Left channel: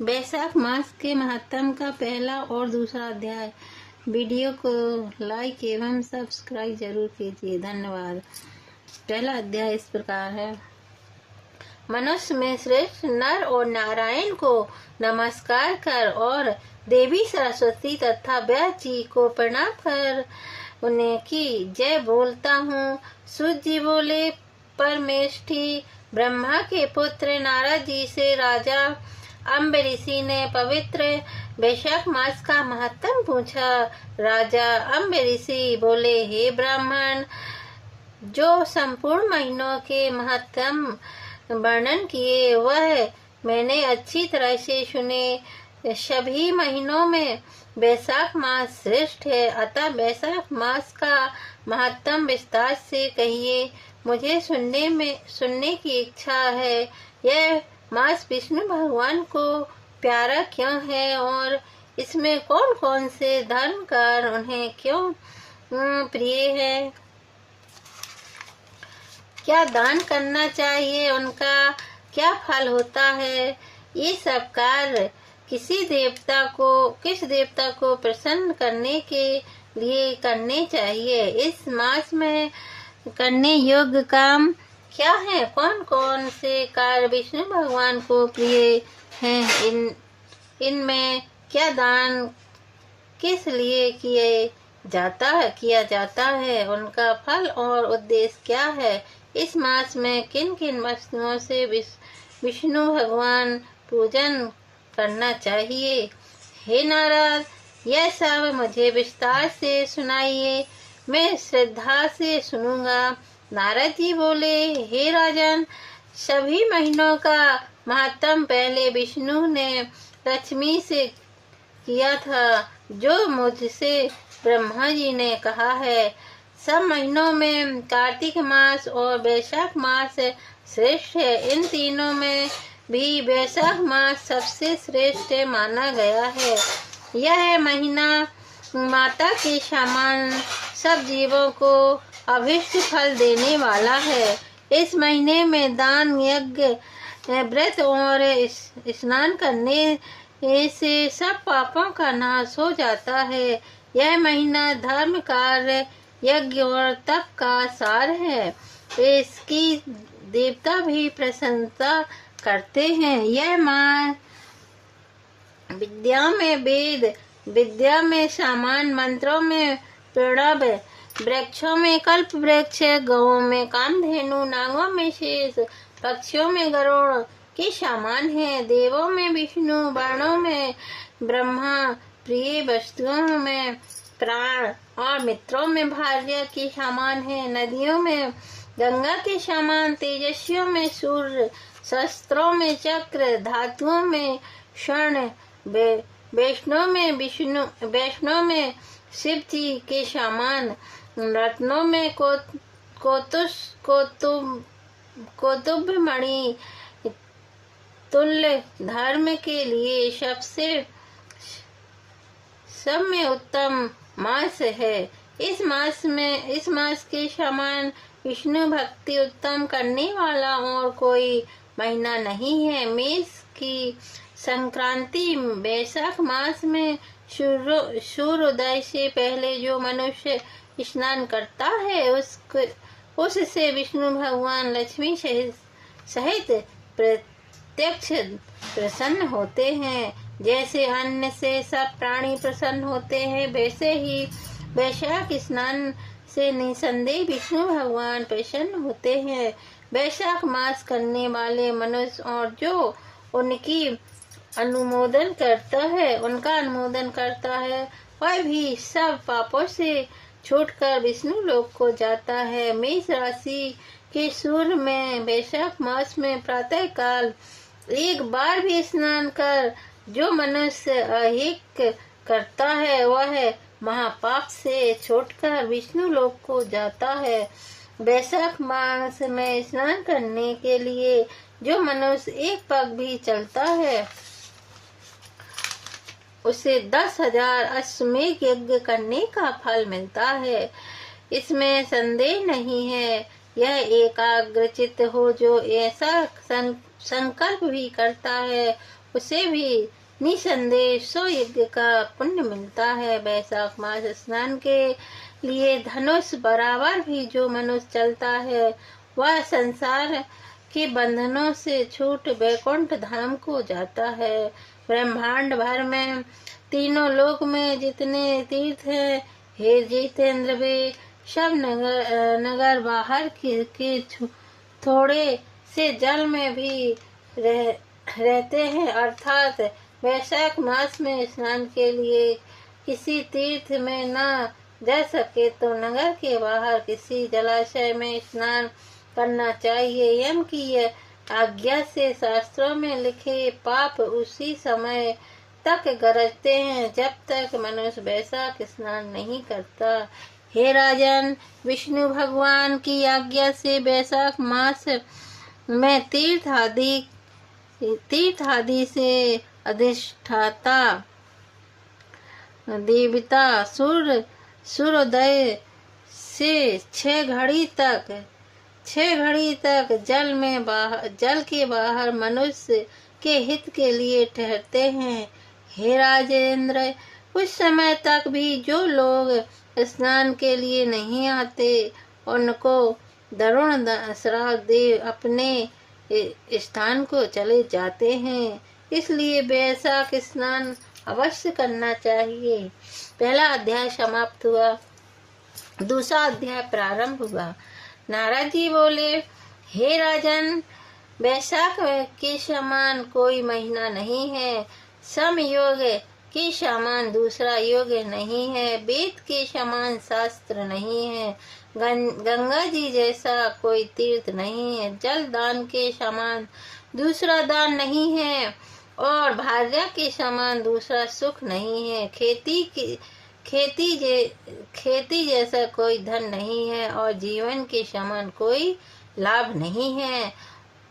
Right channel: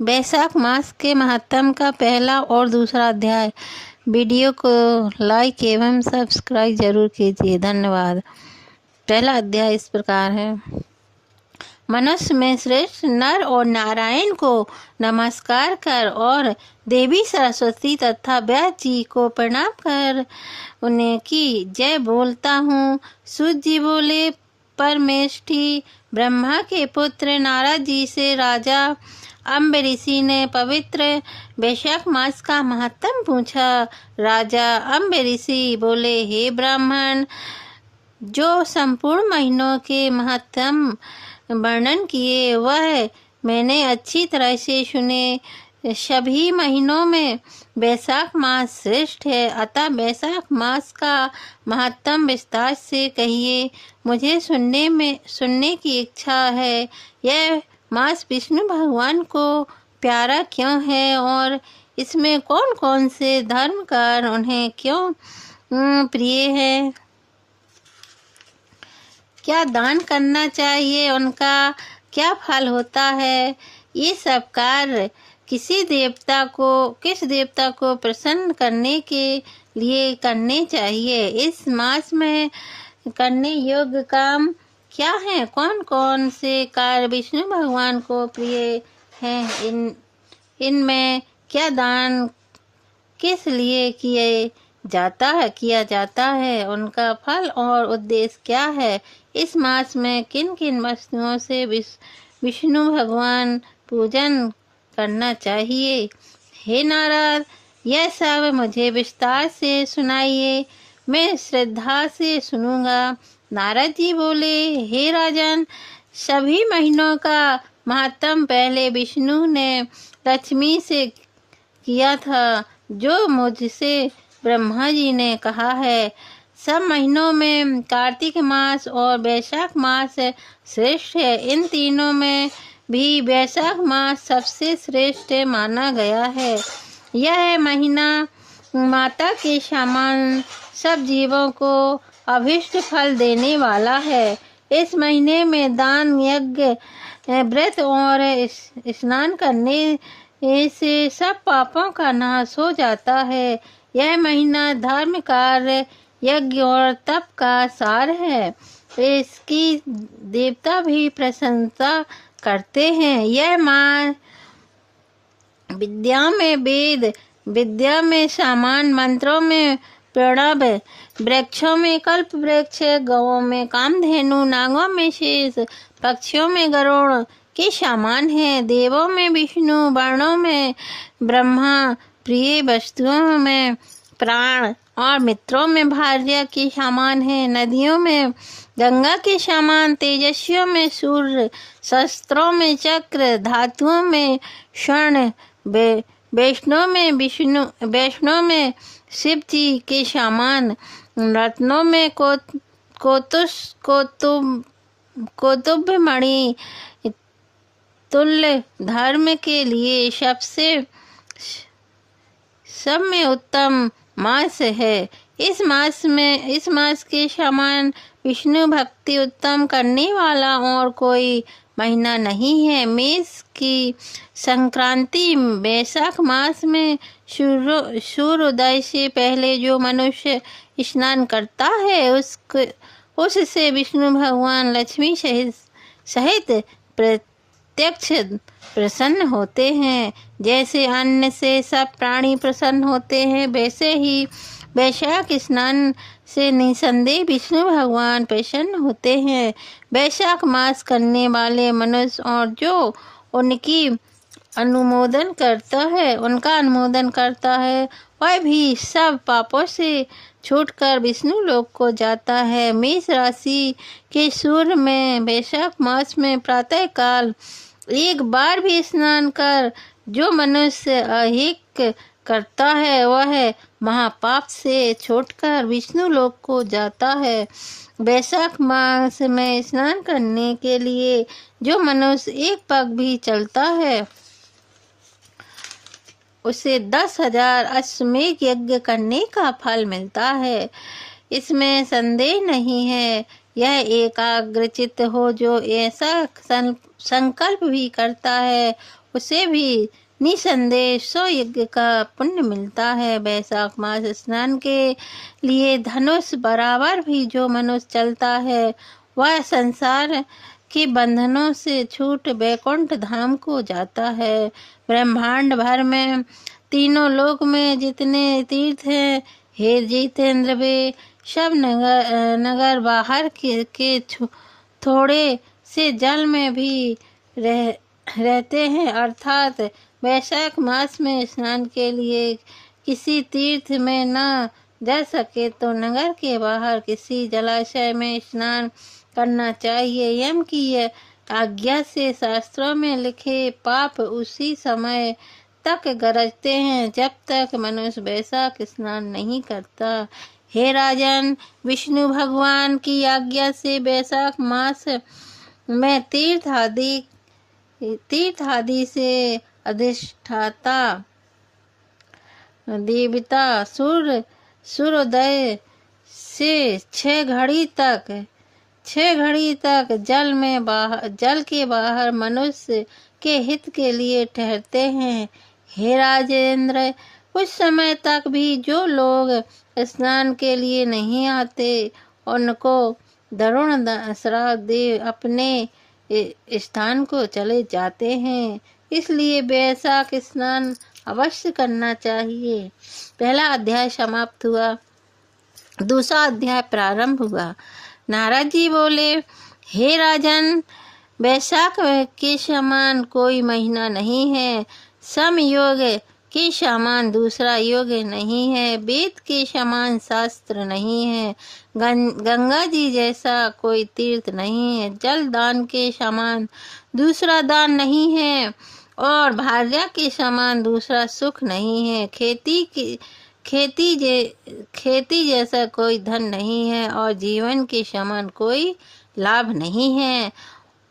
वैशाख मास के महात्म का पहला और दूसरा अध्याय। वीडियो को लाइक एवं सब्सक्राइब जरूर कीजिए, धन्यवाद। पहला अध्याय इस प्रकार है। मनुष्य में श्रेष्ठ नर और नारायण को नमस्कार कर और देवी सरस्वती तथा व्यास जी को प्रणाम कर उन्हें की जय बोलता हूँ। सूत जी बोले, परमेष्ठी ब्रह्मा के पुत्र नारद जी से राजा अम्ब ऋषि ने पवित्र वैशाख मास का महत्व पूछा। राजा अम्ब ऋषि बोले, हे ब्राह्मण, जो संपूर्ण महीनों के महत्व वर्णन किए वह मैंने अच्छी तरह से सुने। सभी महीनों में वैशाख मास श्रेष्ठ है, अतः वैशाख मास का महत्व विस्तार से कहिए। मुझे सुनने की इच्छा है। यह मास विष्णु भगवान को प्यारा क्यों है और इसमें कौन कौन से धर्म कार्य उन्हें क्यों प्रिय है? क्या दान करना चाहिए, उनका क्या फल होता है? ये सब कार्य किस देवता को प्रसन्न करने के लिए करने चाहिए? इस मास में करने योग्य काम क्या है? कौन कौन से कार्य विष्णु भगवान को प्रिय हैं? इनमें क्या दान किस लिए किया जाता है? उनका फल और उद्देश्य क्या है? इस मास में किन किन वस्तुओं से विष्णु भगवान पूजन करना चाहिए? हे नारद, यह सब मुझे विस्तार से सुनाइए, मैं श्रद्धा से सुनूंगा। नारद जी बोले, हे राजन, सभी महीनों का महत्व पहले विष्णु ने लक्ष्मी से किया था, जो मुझसे ब्रह्मा जी ने कहा है। सब महीनों में कार्तिक मास और वैशाख मास श्रेष्ठ है। इन तीनों में भी वैशाख मास सबसे श्रेष्ठ माना गया है। यह महीना माता के समान सब जीवों को अभिष्ट फल देने वाला है। इस महीने में दान, यज्ञ, व्रत और स्नान करने से सब पापों का नाश हो जाता है। यह महीना धर्म कार्य, यज्ञ और तप का सार है। इसकी देवता भी प्रशंसा करते हैं। यह मास विद्या में वेद, विद्या में सामान, मंत्रों में प्रणव, वृक्षों में कल्प वृक्ष, गौओं में कामधेनु, नागों में शेष, पक्षियों में गरुड़ के समान है। देवों में विष्णु, वर्णों में ब्रह्मा, प्रिय वस्तुओं में प्राण और मित्रों में भार्या के समान है। नदियों में गंगा के समान, तेजस्वियों में सूर्य, शस्त्रों में चक्र, धातुओं में स्वर्ण, वैष्णव में शिव जी के समान, रत्नों में कौतुभ मणि तुल्य, धर्म के लिए सब में उत्तम मास है। इस मास के समान विष्णु भक्ति उत्तम करने वाला और कोई महीना नहीं है। मेष की संक्रांति वैशाख मास में सूर्योदय से पहले जो मनुष्य स्नान करता है उससे विष्णु भगवान लक्ष्मी सहित प्रत्यक्ष प्रसन्न होते हैं। जैसे अन्न से सब प्राणी प्रसन्न होते हैं, वैसे ही वैशाख स्नान से निसंदेह विष्णु भगवान प्रसन्न होते हैं। वैशाख मास करने वाले मनुष्य और जो उनका अनुमोदन करता है वह भी सब पापों से छूटकर विष्णु लोक को जाता है। मेष राशि के सूर्य में वैशाख मास में प्रातः काल एक बार भी स्नान कर जो मनुष्य अहिक करता है वह महापाप से छूटकर विष्णु लोक को जाता है। वैशाख मास में स्नान करने के लिए जो मनुष्य एक पग भी चलता है उसे 10,000 अश्वमेध यज्ञ करने का फल मिलता है। इसमें संदेह नहीं है। यह एकाग्रचित्त हो जो ऐसा संकल्प भी करता है उसे भी निसंदेह 100 यज्ञ का पुण्य मिलता है। वैशाख मास स्नान के लिए धनुष बराबर भी जो मनुष्य चलता है वह संसार के बंधनों से छूट वैकुंठ धाम को जाता है। ब्रह्मांड भर में तीनों लोक में जितने तीर्थ हैं, हे जितेंद्र, वे सब नगर बाहर के थोड़े से जल में भी रहते हैं। अर्थात वैशाख मास में स्नान के लिए किसी तीर्थ में न जा सके तो नगर के बाहर किसी जलाशय में स्नान करना चाहिए। यम की आज्ञा से शास्त्रों में लिखे पाप उसी समय तक गरजते हैं जब तक मनुष्य वैशाख स्नान नहीं करता। हे राजन, विष्णु भगवान की आज्ञा से वैशाख मास में तीर्थ आदि से अधिष्ठाता देवता सूर्योदय से 6 घड़ी तक जल के बाहर मनुष्य के हित के लिए ठहरते हैं। हे राजेंद्र, कुछ समय तक भी जो लोग स्नान के लिए नहीं आते उनको दारुण श्राप दे अपने स्थान को चले जाते हैं। इसलिए वैशाख स्नान अवश्य करना चाहिए। पहला अध्याय समाप्त हुआ, दूसरा अध्याय प्रारंभ हुआ। नारद जी बोले, हे राजन, वैशाख के समान कोई महीना नहीं है, समयोग के समान दूसरा योग नहीं है, वेद के समान शास्त्र नहीं है, गंगा जी जैसा कोई तीर्थ नहीं है, जल दान के समान दूसरा दान नहीं है और भार्या के समान दूसरा सुख नहीं है, खेती जैसा कोई धन नहीं है और जीवन के समान कोई लाभ नहीं है,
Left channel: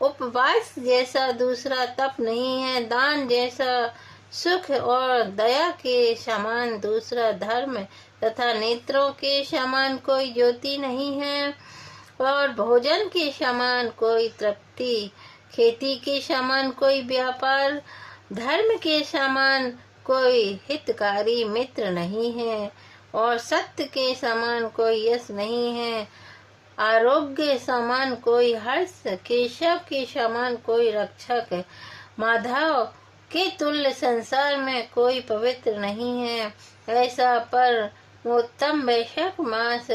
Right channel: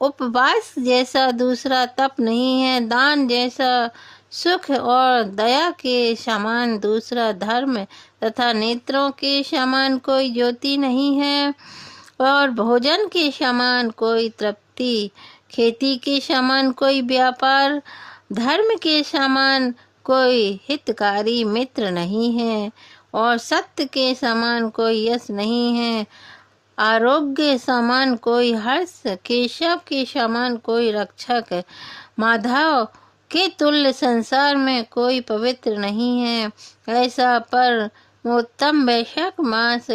उपवास जैसा दूसरा तप नहीं है, दान जैसा सुख और दया के समान दूसरा धर्म तथा नेत्रों के समान कोई ज्योति नहीं है और भोजन के समान कोई तृप्ति, खेती के समान कोई व्यापार, धर्म के समान कोई हितकारी मित्र नहीं है और सत्य के समान कोई यश नहीं है, आरोग्य समान कोई हर्ष, केशव के समान कोई रक्षक, माधव के तुल्य संसार में कोई पवित्र नहीं है। ऐसा पर उत्तम वैशाख मास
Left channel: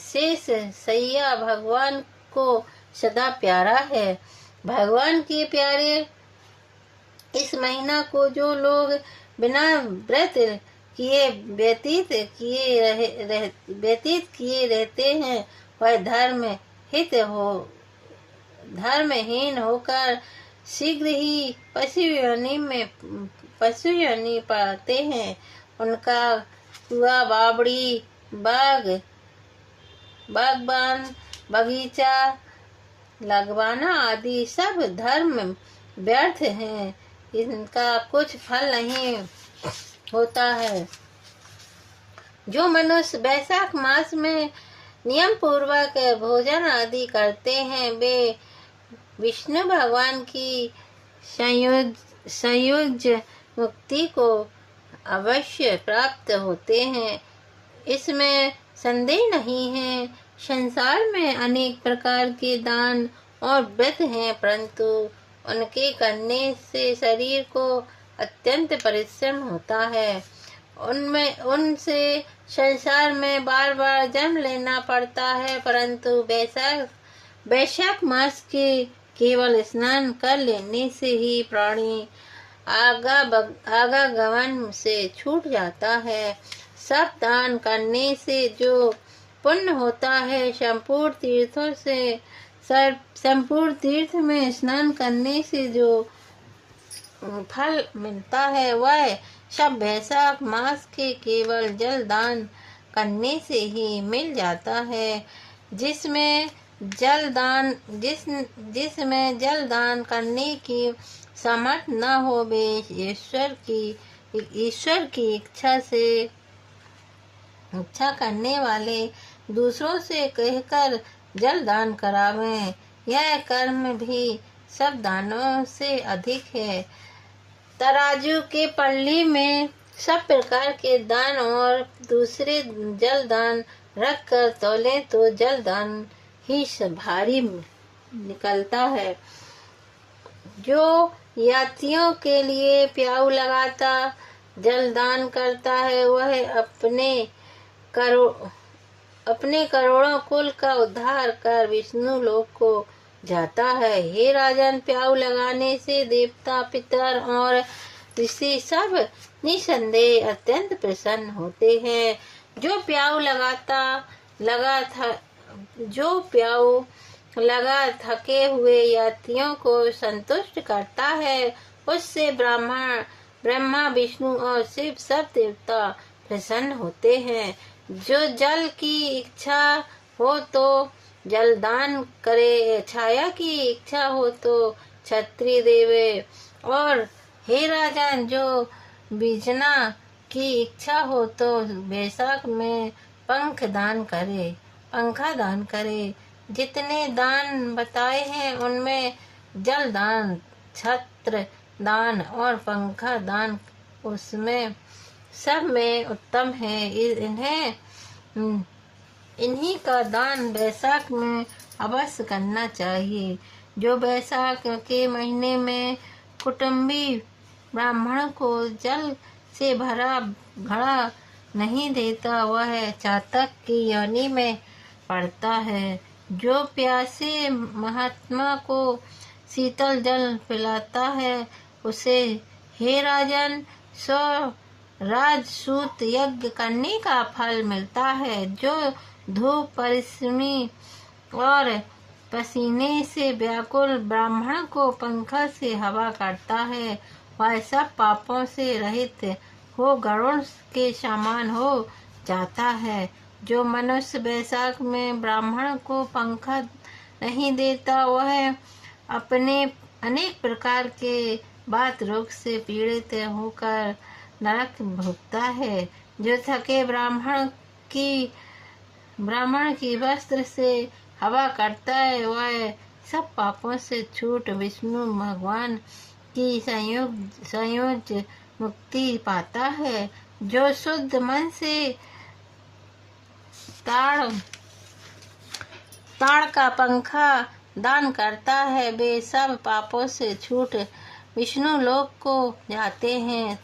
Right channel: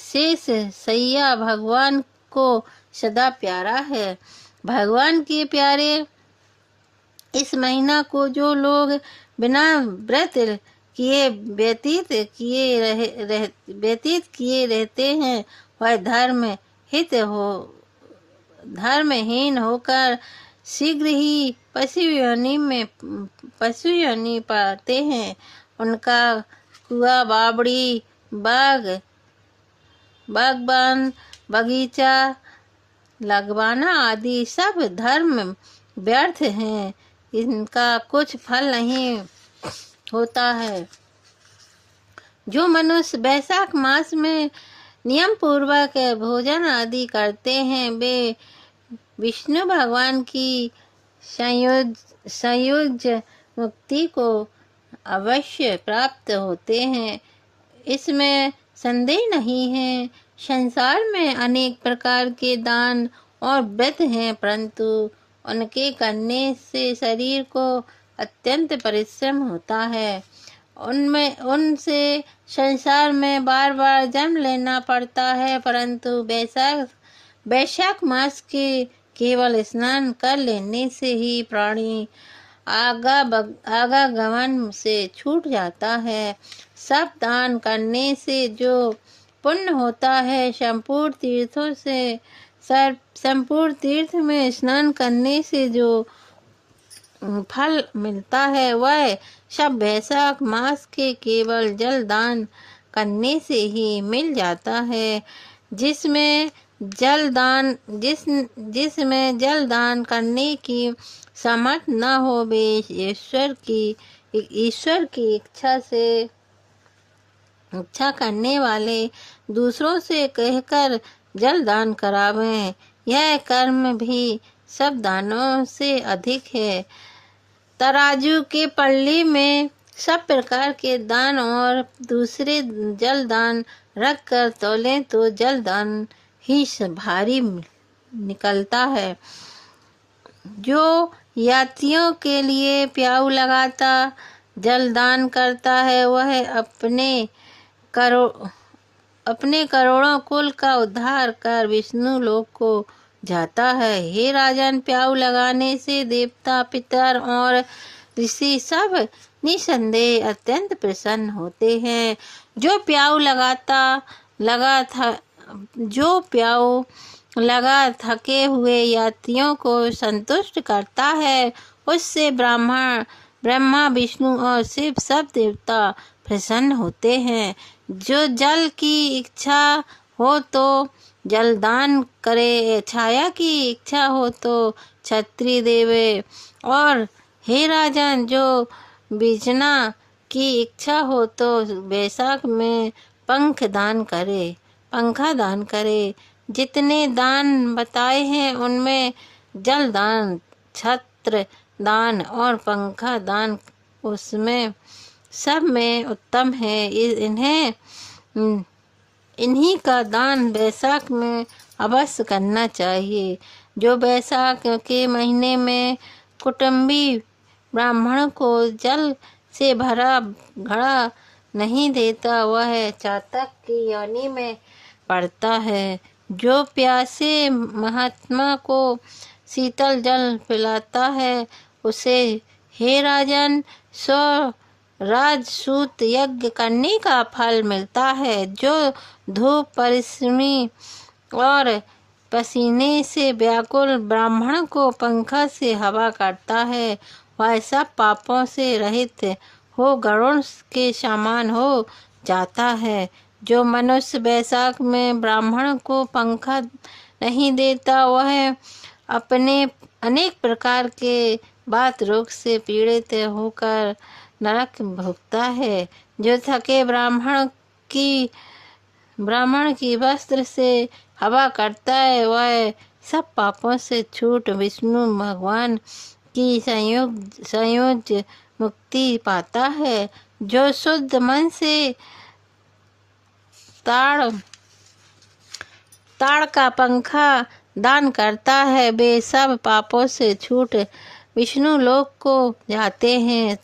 शेष सैया भगवान को सदा प्यारा है। भगवान के प्यारे इस महीना को जो लोग बिना व्रत किए व्यतीत किए रहते हैं वह धर्महीन होकर शीघ्र ही पशु योनि पाते हैं। उनका कुआ, बावड़ी, बागबान, बगीचा लगवाना आदि सब धर्म व्यर्थ हैं, इनका कुछ फल नहीं होता है। जो मनुष्य वैशाख मास में नियम पूर्वक भोजन आदि करते हैं वे विष्णु भगवान की संयोज्य मुक्ति को अवश्य प्राप्त होते हैं, इसमें संदेह नहीं है। संसार में अनेक प्रकार के दान और व्रत हैं, परंतु उनके करने से शरीर को अत्यंत परिश्रम होता है। उनसे संसार में बार बार जन्म लेना पड़ता है, परंतु वैशाख मास के केवल स्नान कर लेने से ही प्राणी आवागमन से छूट जाता है। सब दान करने से जो पुण्य होता है, संपूर्ण तीर्थ में स्नान करने से जो फल मिलता है वह सब वैशाख मास के केवल जल दान करने से ही मिल जाता है। जिसमें जल दान करने की समर्थ न हो वे ईश्वर की इच्छा करने वाले दूसरों से कहकर जल दान करावें। यह कर्म भी सब दानों से अधिक है। तराजू के पल्ली में सब प्रकार के दान और दूसरे जल दान रख कर तौलें तो जल दान ही भारी निकलता है। जो यात्रियों के लिए प्याऊ लगाता जल दान करता है, वह अपने करोड़ों कुल का उद्धार कर विष्णु लोक को जाता है। हे राजन, प्याऊ लगाने से देवता, पितर और ऋषि सब निसंदेह अत्यंत प्रसन्न होते हैं। जो प्याऊ लगा थके हुए यात्रियों को संतुष्ट करता है, उससे ब्रह्मा, विष्णु और शिव सब देवता प्रसन्न होते हैं। जो जल की इच्छा हो तो जलदान करे, छाया की इच्छा हो तो छत्री देवे, और हे राजन, जो बीजना की इच्छा हो तो बैसाख में पंखा दान करे। जितने दान बताए हैं उनमें जल दान, छत्र दान और पंखा दान उसमें सब में उत्तम है। इन्हीं का दान बैसाख में अवश्य करना चाहिए। जो बैसाख के महीने में कुटुंबी ब्राह्मण को जल से भरा घड़ा नहीं देता, वह चातक की योनि में पड़ता है। जो प्यासे महात्मा को शीतल जल पिलाता है, उसे हे राजन राजसूत यज्ञ करने का फल मिलता है। जो धूप, परिश्रमी और पसीने से व्याकुल ब्राह्मण को पंखा से हवा काटता है, वह सब पापों से रहित हो गरुड़ के समान हो जाता है। जो मनुष्य बैसाख में ब्राह्मण को पंखा नहीं देता, वह अपने अनेक प्रकार के बात रोग से पीड़ित होकर नरक भोगता है। जो थके ब्राह्मण की वस्त्र से हवा करता है, वह सब पापों से छूट विष्णु भगवान की संयोग मुक्ति पाता है। जो शुद्ध मन से ताड़ का पंखा दान करता है, वे सब पापों से छूट विष्णु लोक को जाते हैं।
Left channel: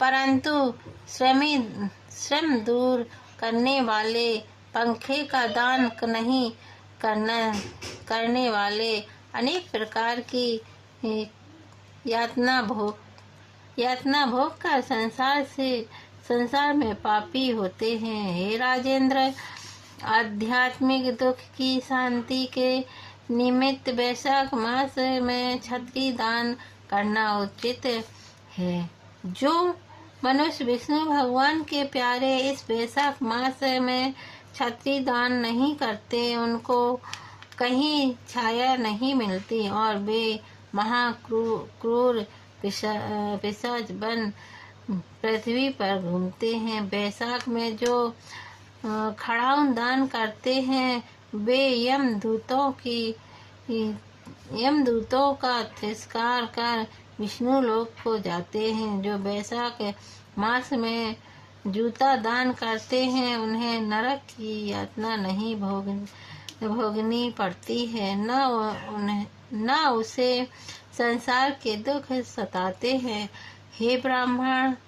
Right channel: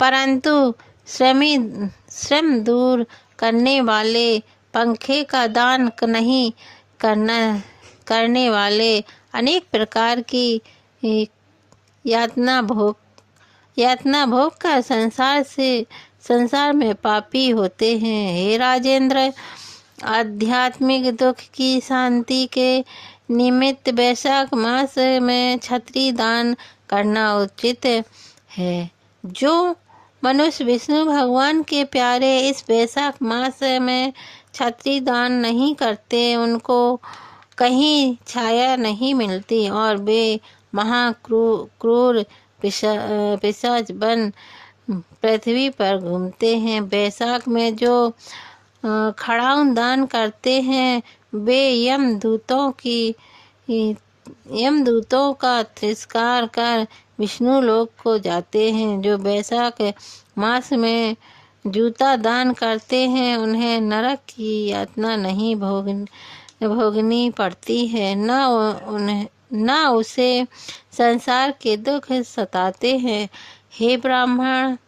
परंतु श्रम दूर करने वाले पंखे का दान नहीं करने वाले अनेक प्रकार की यातना भोग कर संसार में पापी होते हैं। हे राजेंद्र, आध्यात्मिक दुख की शांति के निमित्त बैसाख मास में छत्री दान करना उचित है। जो मनुष्य विष्णु भगवान के प्यारे इस बैसाख मास में छत्री दान नहीं करते, उनको कहीं छाया नहीं मिलती और वे महाक्रूर पिशाच बन पृथ्वी पर घूमते हैं। बैसाख में जो खड़ाउन दान करते हैं, वे यमदूतों का तिरस्कार कर विष्णु लोक को जाते हैं। जो बैसाख मास में जूता दान करते हैं, उन्हें नरक की यातना नहीं भोगनी पड़ती है, न उसे संसार के दुख सताते हैं। हे ब्रह्मांड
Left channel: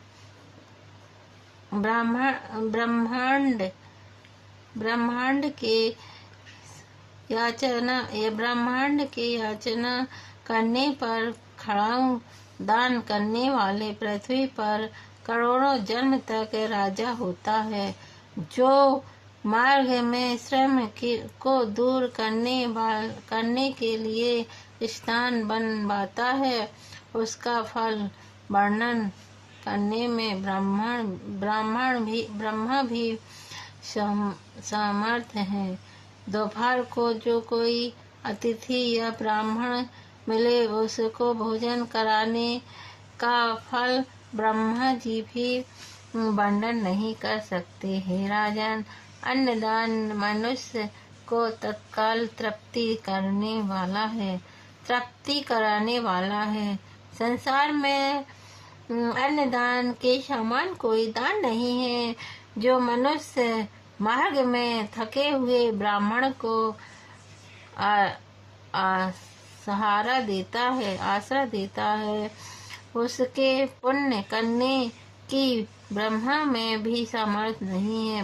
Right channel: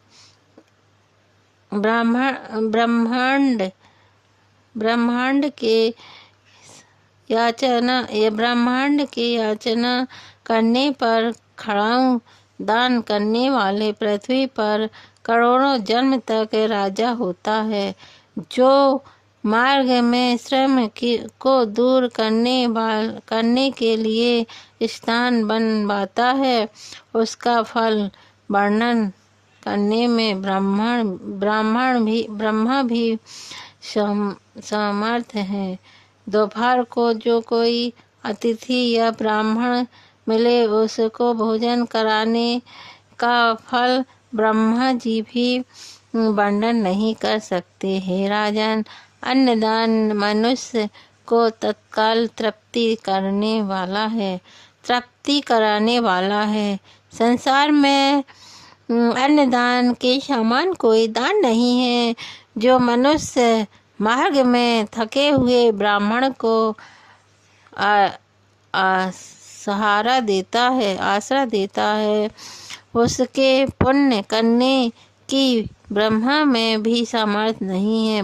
के याचना करने पर खड़ाऊ दान करने वाले पृथ्वी पर करोड़ों जन्म तक राजा होता है। जो मार्ग में श्रम को दूर करने के लिए स्थान बनवाता है, उसका फल वर्णन करने में ब्रह्मा भी समर्थ है। दोपहर को जो कोई अतिथि या ब्राह्मण मिले, उसको भोजन कराने का फल ब्रह्मा जी भी वर्णन नहीं कर सकते। हे राजन, अन्नदान मनुष्य को तत्काल तृप्ति करने वाला है तृप्ति कराने वाला है। संसार में अन्नदान के समान कोई दान नहीं है। जो मनुष्य मार्ग में थके हुए ब्राह्मण को सहारा देता है, आसरा देता है, उसके पुण्य करने की ब्रह्मा में भी सामर्थ नहीं है।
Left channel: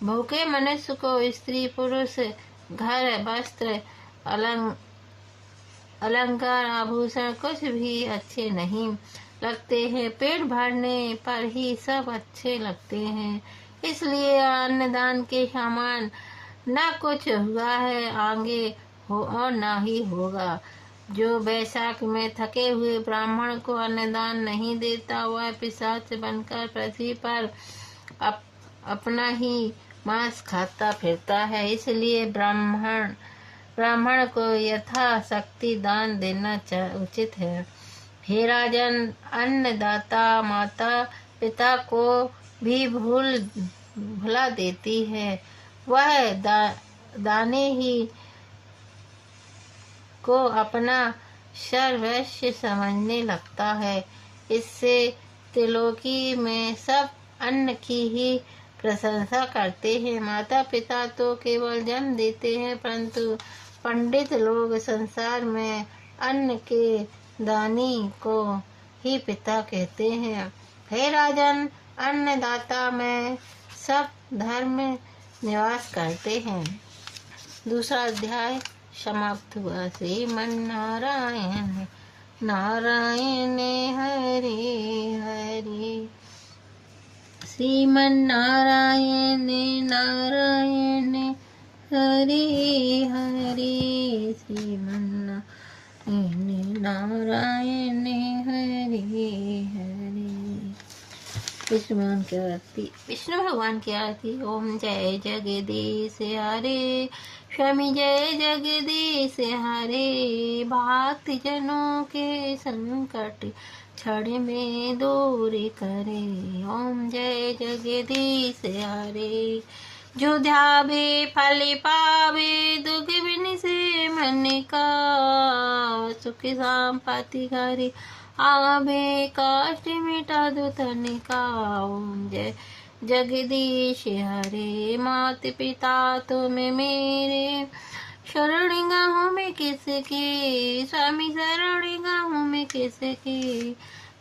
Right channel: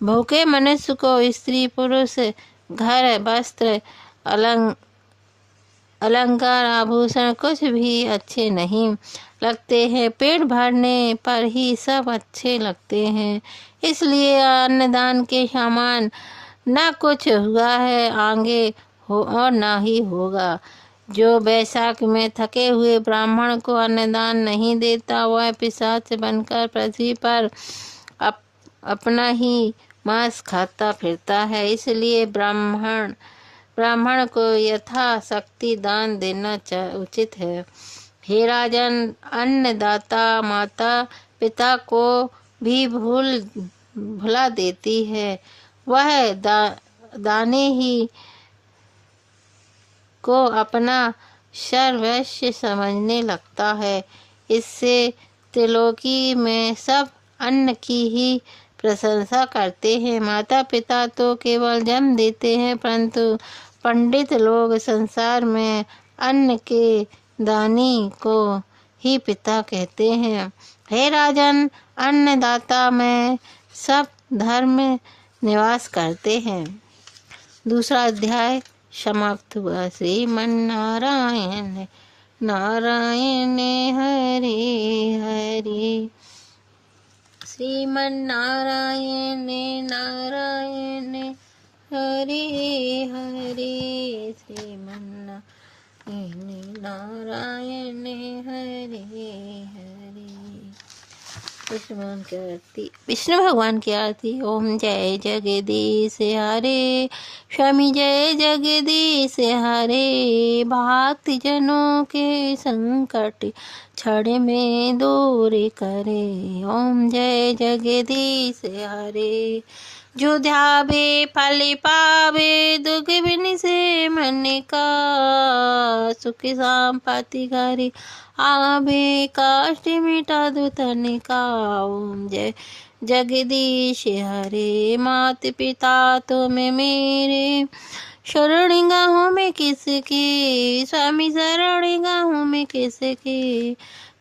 भूखे मनुष्य को स्त्री पुरुष घर वस्त्र अलंकार आभूषण कुछ भी अच्छे नहीं लगते हैं। पेट भरने पर ही सब अच्छे लगते हैं। इसलिए अन्नदान के समान न कुछ हुआ है, आगे हो और न ही होगा। जो बैसाख में थके हुए ब्राह्मण को अन्नदान नहीं देता, वह पिशाच बनकर पृथ्वी पर अपना ही मांस खाता फिरता है। इसलिए ब्राह्मण को यथाशक्ति दान देना उचित है। हे राजन, अन्नदाता माता पिता को भी भुला देती है। वह दाने ही को अपना सर्वस्व समझने लगता है। इससे त्रिलोकी में सब अन्न की ही प्रशंसा करते हैं। माता पिता तो केवल जन्म देते हैं, परंतु पंडित लोग संसार में अन्न के दानी को ही पिता कहते हैं। हे राजन, अन्नदाता में सब धर्म निवास करते हैं। दूसरा अध्याय समाप्त हुआ। श्रीमन्नारायण नारायण हरे हरे, श्रीमन्नारायण नारायण हरे हरे, श्रीमन्नारायण नारायण हरे हरे। विष्णु भगवान की आरती। ओम जय जगदीश हरे, स्वामी जय जगदीश हरे। भक्त जनों के संकट क्षण में दूर करे। ओम जय जगदीश हरे। जो ध्यावे फल पावे, दुख बिन से मन का। सुख संपत्ति घरे आवे, कष्ट मिटा दो तन का। ओम जय जगदीश हरे। मात पिता तुम मेरे, शरण गाँव में किसके। स्वामी शरण गाँव में किसके।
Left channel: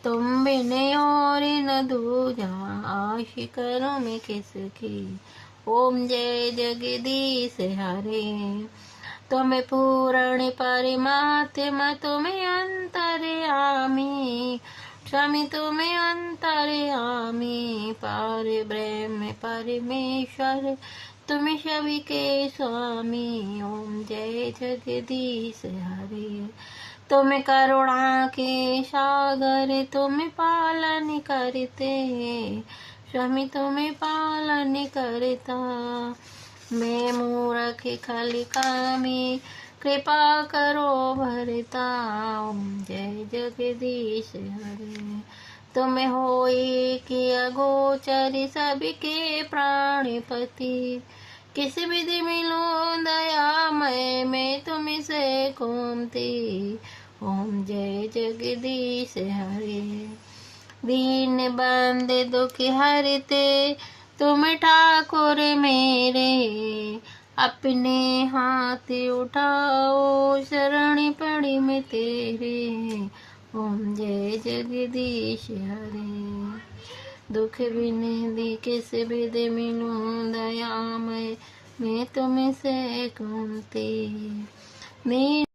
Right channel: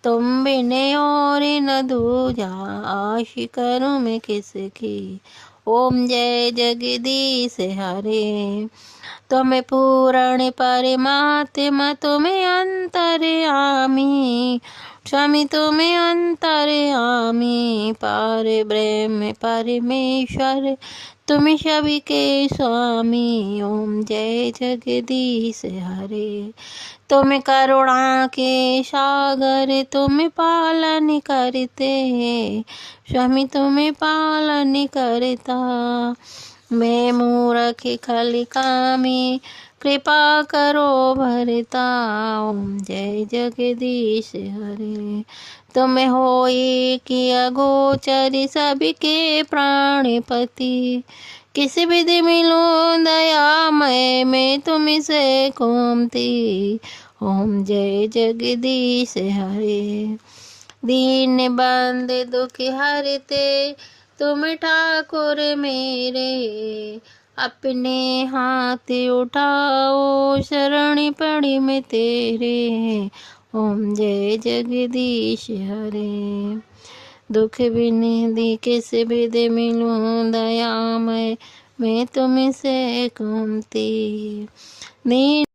तुम बिन और न दूजा, आश करूं मैं किसकी। ओम जय जगदीश हरे। तुम पूर्ण परमात्मा, तुम अंतर्यामी। स्वामी तुम अंतर्यामी, पार ब्रह्म परमेश्वर, तुम सभी के स्वामी। ओम जय जगदीश हरे। तुम करुणा के सागर, तुम पालन करते। स्वामी तुम पालन करता। मैं मूर्ख खल कामी, कृपा करो भरता। ओम जय जगदीश हरे। तुम होई किया गोचर, सबके प्राणपति। किस विधि मिलूं दयामय, मैं तुमसे घूमती। ओम जय जगदीश हरे। दीन बंद दुख हरते, तुम ठाकुर मेरे। अपने हाथ उठाओ, शरण पड़ी मैं तेरे। ओम जय जगदीश हरे। दुख बिन दी किस विधि मिलूं दयामय, मैं तुमसे घूमती।